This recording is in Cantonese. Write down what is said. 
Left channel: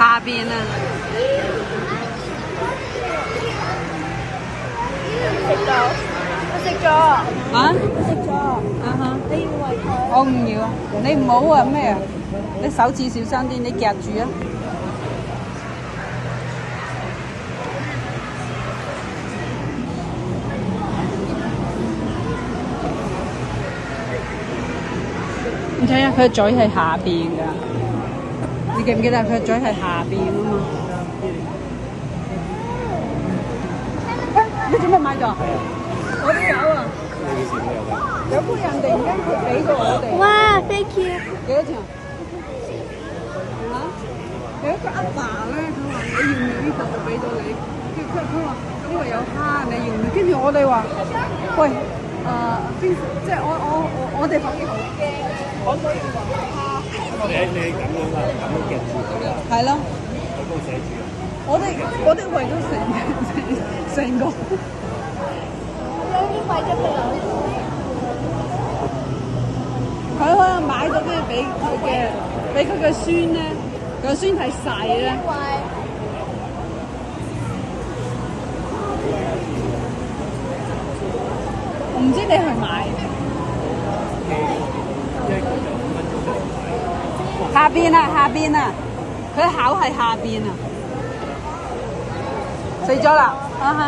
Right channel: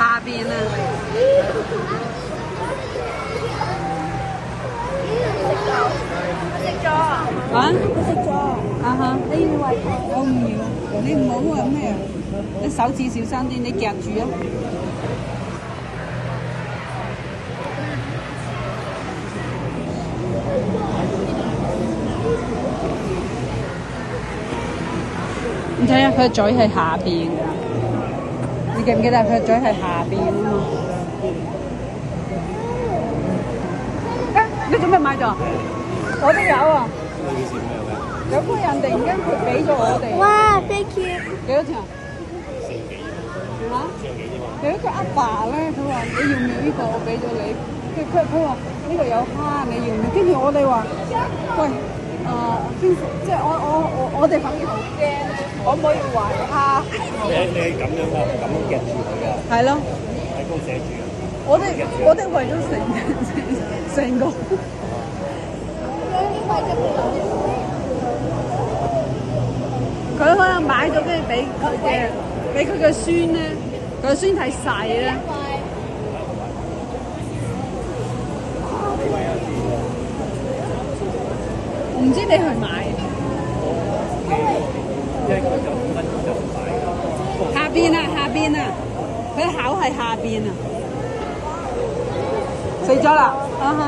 下邊啊。啊？佢食咗。我唔要啊！你唔好啊咩啊！你手指小心啲，你夾住啊！你睇下佢嘴係下邊㗎，你記唔記得佢嘴係下邊啊嘛？你做咩買咗？我都有啊！有個人突然間俾咗我哋。哇，飛機！幾多錢啊？有一個阿爸咧，佢話你要唔要呢個？我俾咗你。佢話呢個有蝦，你要唔要？跟住我哋話，喂，邊即係我哋反而好驚，可唔可以話蝦？你咁樣啊，咁樣夾住佢啊？係咯。喺度寫住啊！我哋為咗成個，有啲貴咗佢。佢可能買咗跟住俾佢嘅孫咧，佢個孫太細咧。唔知你去買？即係佢就分咗就買。下邊啊，下邊啊，佢口係下邊啊，死咗啦！啊哈。